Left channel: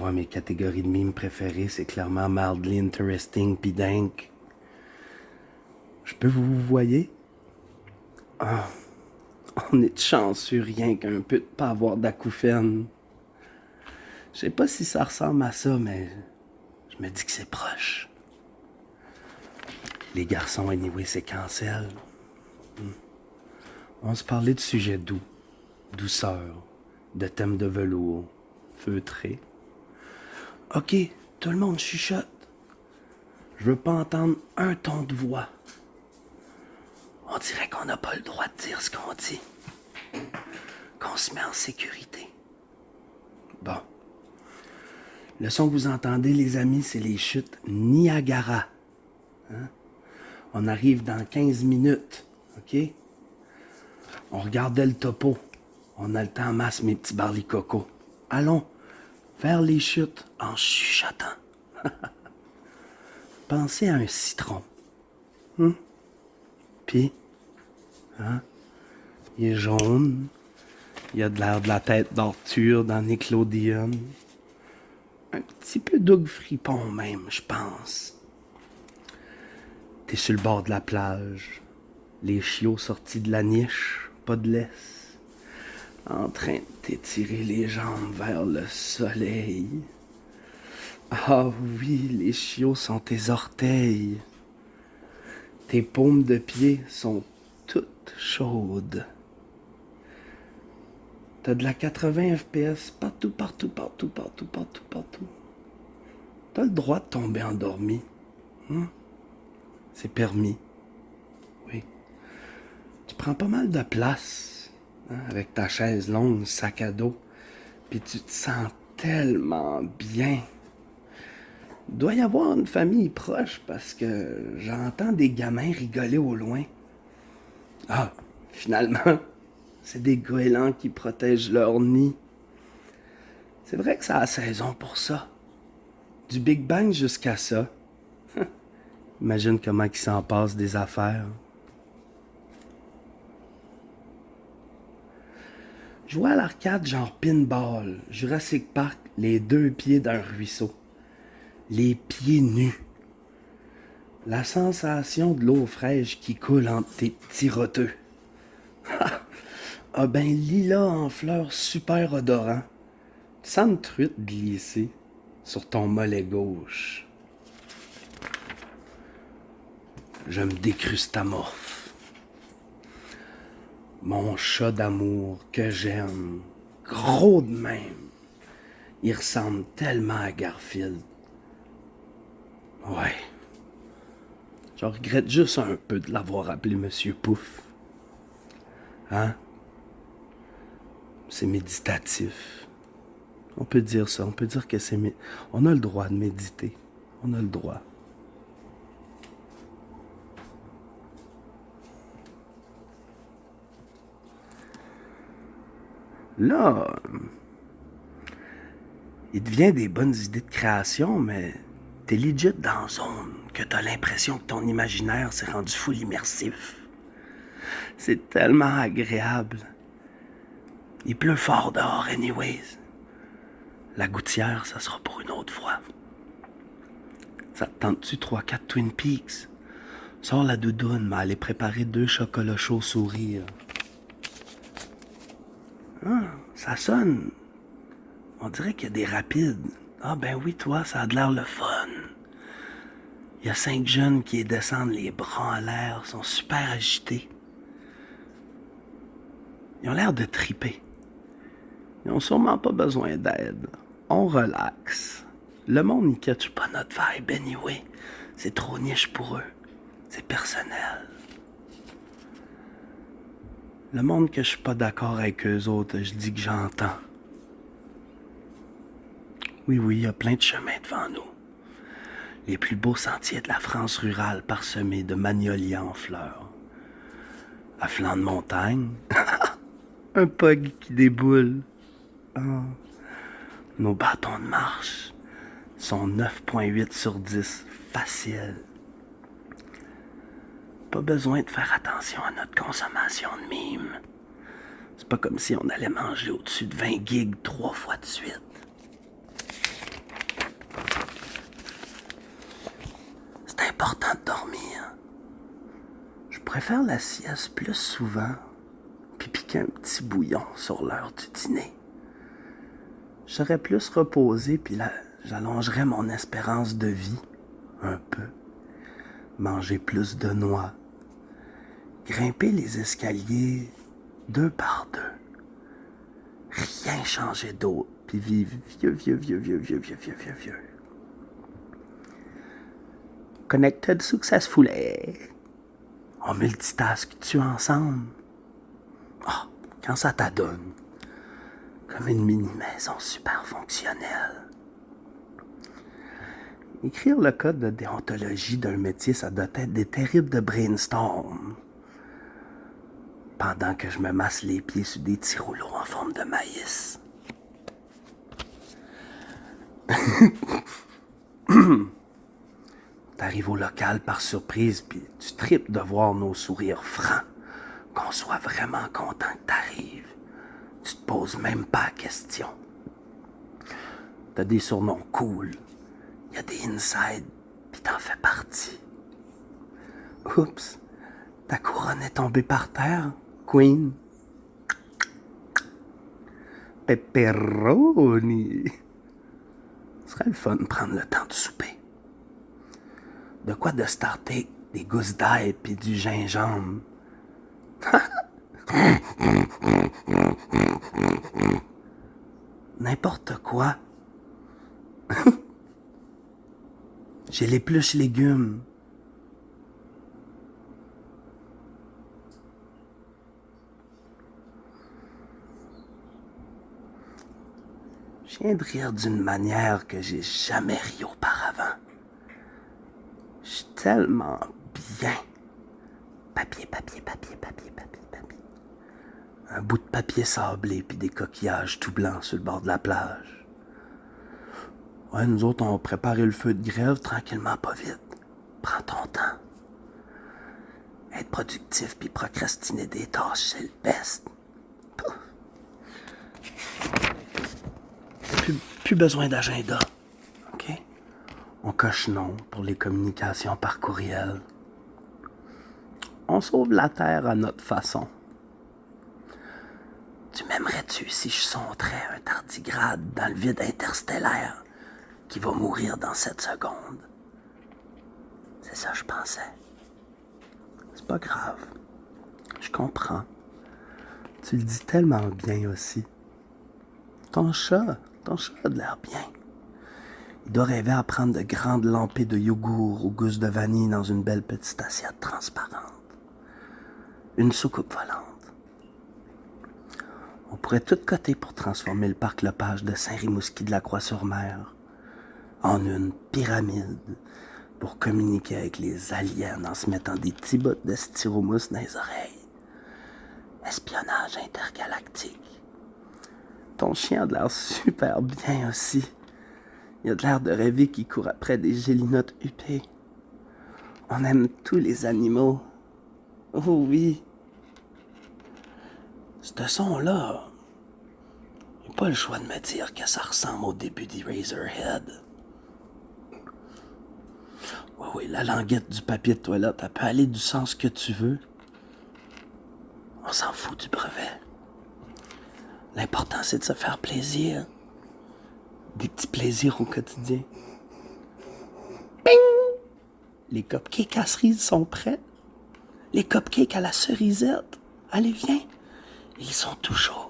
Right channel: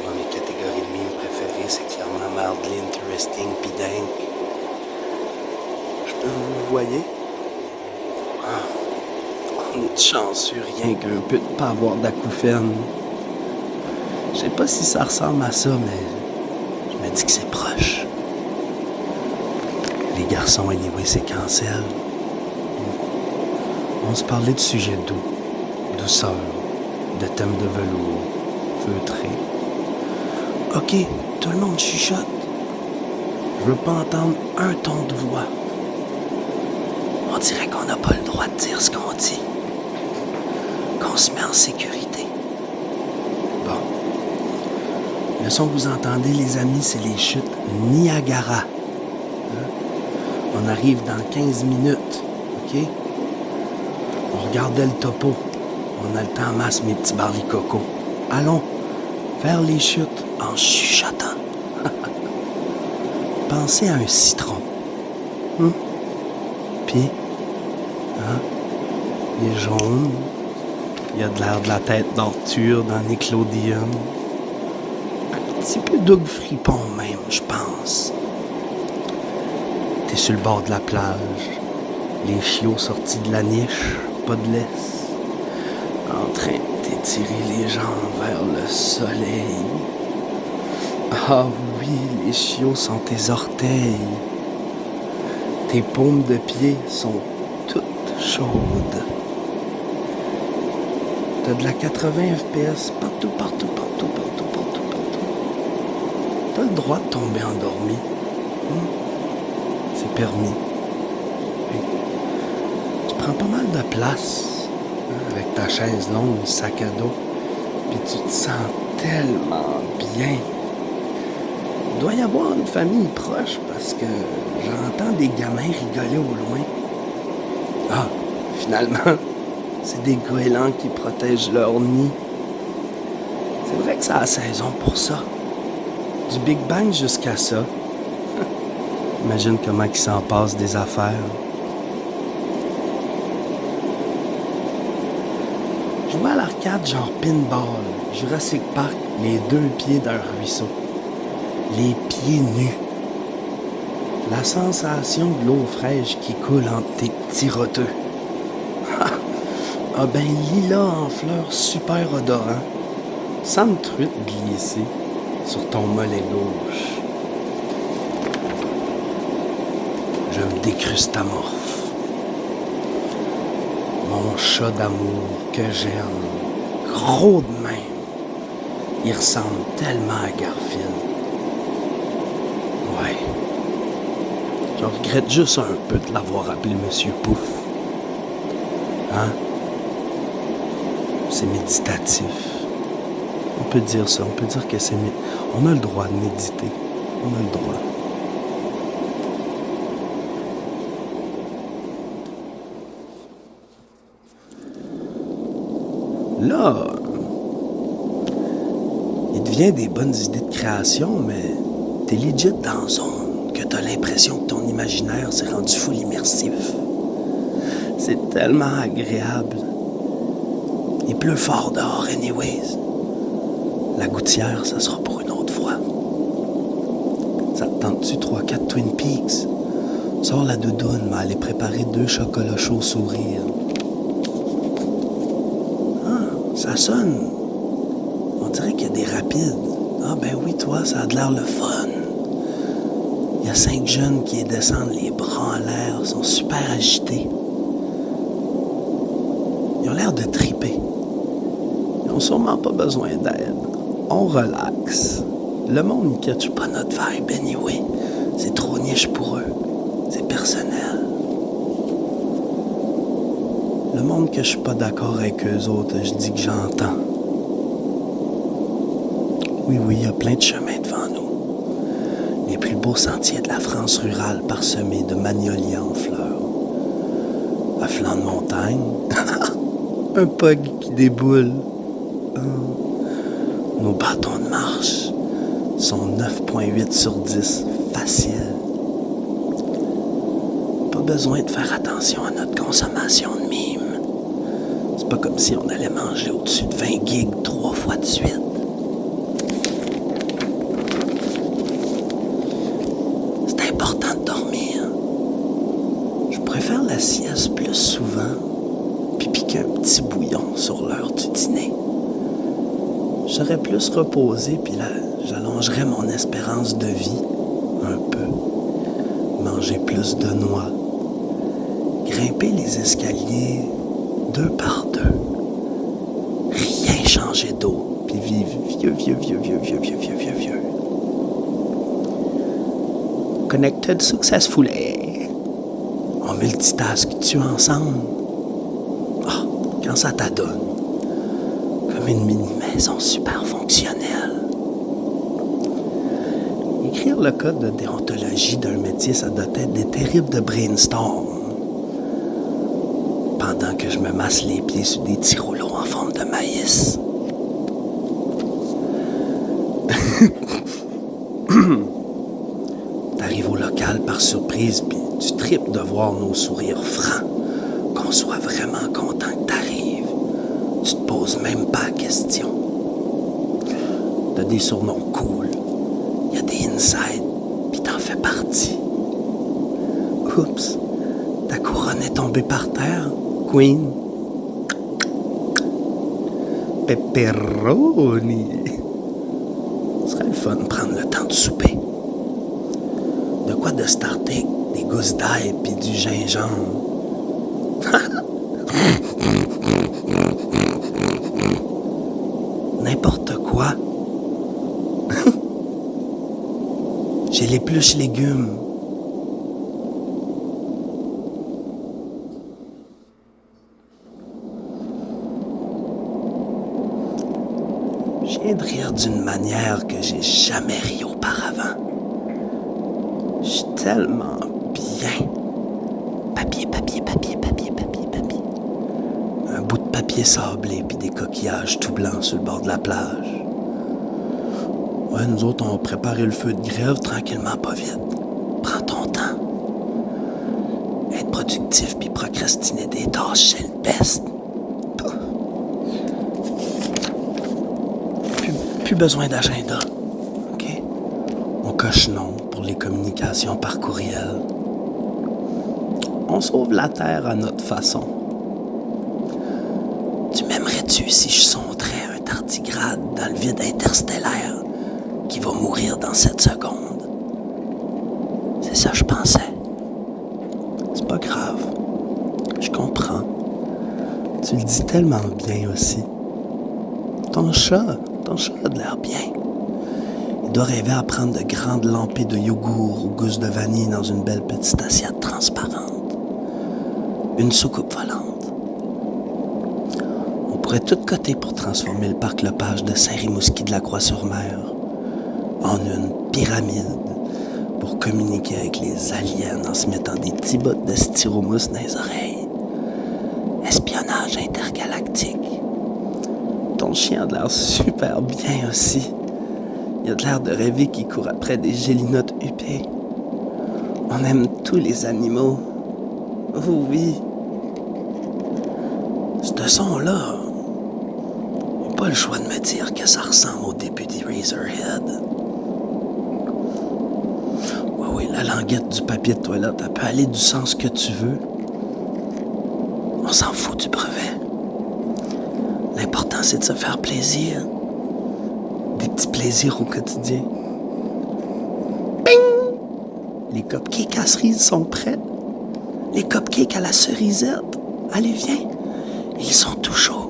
Moi, mes catégories de mimes préférées, c'est clairement mildly interesting pis dingue. Je peux vous voyez? Ah, on est chanceux rien qu'un peu de pas avoir d'acouphènes. Je sais pas si ça ressemble à ça, mais je me dis que c'est proche. Les garçons, anyway, c'est cancel. On se parlait de sujets doux, douceur, de thèmes de velours, feutré. Ok, tout le monde chuchote. Je veux pas entendre un ton de voix. On dirait qu'on n'a pas le droit de dire ce qu'on dit. Qu'on se met en sécurité. Bon. Le son que vous entendez, les amis, c'est les chutes Niagara. On arrive dans 15 minutes, ok? On regardait le topo. On a le temps en masse, mes petits barlicocos. Allons, vers les chutes en chuchotant. Pensez à un citron. Puis, il est jaune. Il a de l'air de la tête d'Arthur dans Nickelodeon. Un petit peu Doug Fripon même, je pense. T'es sur le bord de la plage. Les chiots sortis de la niche, pas de laisse. En train de t'étirer les jambes vers le soleil. Ah oui, les chiots sont tes orteils. Tes paumes de pied sont toutes chaudes. T'as de la 80 FPS partout. T'as le droit de tomber endormi. C'est permis. Oui. Tu prends pas mal de place avec ta chaise longue, le sac à dos. Puis tu te sens tellement bien. Il doit y avoir une famille proche parce que j'entends des gamins rigoler au loin. Ah, finalement, c'est des goélands qui protègent leur nid. C'est vrai que ça a saison pour ça. Du Big Bang jusqu'à ça. Imagine comment il s'en passe des affaires. Jouer à l'arcade genre pinball, Jurassic Park, les deux pieds d'un ruisseau. Les pieds nus. La sensation de l'eau fraîche qui coule entre tes petits roteux. Ah ben lilas en fleurs super odorant. Sans me truite glisser sur ton mollet gauche. Je me décrustamorphe. Mon chat d'amour que j'aime, gros de même. Il ressemble tellement à Garfield. Ouais. Je regrette juste un peu de l'avoir appelé Monsieur Pouf. Hein? C'est méditatif. On peut dire ça, on peut dire que c'est... On a le droit de méditer. On a le droit. Là, il devient des bonnes idées de création, mais t'es legit dans zone, que t'as l'impression que ton imaginaire s'est rendu full immersif. C'est tellement agréable. Il pleut fort dehors, anyways. La gouttière, ça sera pour une autre fois. Ça te tente-tu 3-4 Twin Peaks? Sors la doudoune, mais allez préparer 2 chocolats chauds sourire. Ça sonne. On dirait qu'il y a des rapides. Ah ben oui, toi, ça a de l'air le fun. Il y a 5 jeunes qui descendent les bras en l'air, sont super agités. Ils ont l'air de triper. Ils n'ont sûrement pas besoin d'aide. On relaxe. Le monde ne catch pas notre vibe anyway. C'est trop niche pour eux. C'est personnel. Le monde que je suis pas d'accord avec eux autres, je dis que j'entends. Oui, il y a plein de chemins devant nous. Les plus beaux sentiers de la France rurale parsemés de magnolias en fleurs. À flanc de montagne. Un pug qui déboule. Nos bâtons de marche sont 9.8 sur 10. Facile. Pas besoin de faire attention à notre consommation de mimes. C'est pas comme si on allait manger au-dessus de 20 gigs 3 fois de suite. faire la sieste plus souvent, puis piquer un petit bouillon sur l'heure du dîner. Je serais plus reposé, puis là, j'allongerais mon espérance de vie un peu. Manger plus de noix. Grimper les escaliers 2 par 2. Rien changer d'autre, puis vivre vieux. Connected successfully. On multitask-tu ensemble? Ah, quand ça t'adonne. Comme une mini-maison super fonctionnelle. Écrire le code de déontologie d'un métier, ça doit être des terribles de brainstorm. Pendant que je me masse les pieds sur des petits rouleaux en forme de maïs. T'arrives au local par surprise, puis tu tripes de voir nos sourires francs, qu'on soit vraiment content que t'arrives. Tu te poses même pas la question. T'as des surnoms cool, y a des insides, puis t'en fais partie. Oups, ta couronne est tombée par terre, Queen. Pepperoni. Ce serait le fun de prendre le temps de souper. De quoi de starter des gousses d'ail puis du gingembre. N'importe quoi. J'ai l'épluche légumes. Je viens de rire d'une manière que j'ai jamais ri auparavant. Je suis tellement bien. Papier. Un bout de papier sablé puis des coquillages tout blancs sur le bord de la plage. Ouais, nous autres, on va préparer le feu de grève tranquillement, pas vite. Prends ton temps. Être productif puis procrastiner des tâches, c'est le best. Plus besoin d'agenda. OK? On coche non pour les communications par courriel. On sauve la Terre à notre façon. Tu m'aimerais-tu si je sombrais un tardigrade dans le vide interstellaire qui va mourir dans 7 secondes? C'est ça que je pensais. C'est pas grave. Je comprends. Tu le dis tellement bien aussi. Ton chat a de l'air bien. Il doit rêver à prendre de grandes lampées de yogourt aux gousses de vanille dans une belle petite assiette transparente. Une soucoupe volante. On pourrait tout coter pour transformer le parc Lepage de Saint-Rimouski de la Croix-sur-Mer en une pyramide pour communiquer avec les aliens en se mettant des petits bouts de styromousse dans les oreilles. Espionnage intergalactique. Ton chien a de l'air super bien aussi. Il a de l'air de rêver qu'il court après des gélinottes huppées. On aime tous les animaux. Oh oui. Ce son-là, j'ai pas le choix de me dire que ça ressemble au début d'Eraserhead. Oui, la languette du papier de toilette, elle peut aller du sens que tu veux. On s'en fout du brevet. L'important, c'est de se faire plaisir. Des petits plaisirs au quotidien. Ping! Les cupcakes à cerises sont prêts. Les cupcakes à la cerisette. Allez, viens. Ils sont tout chauds.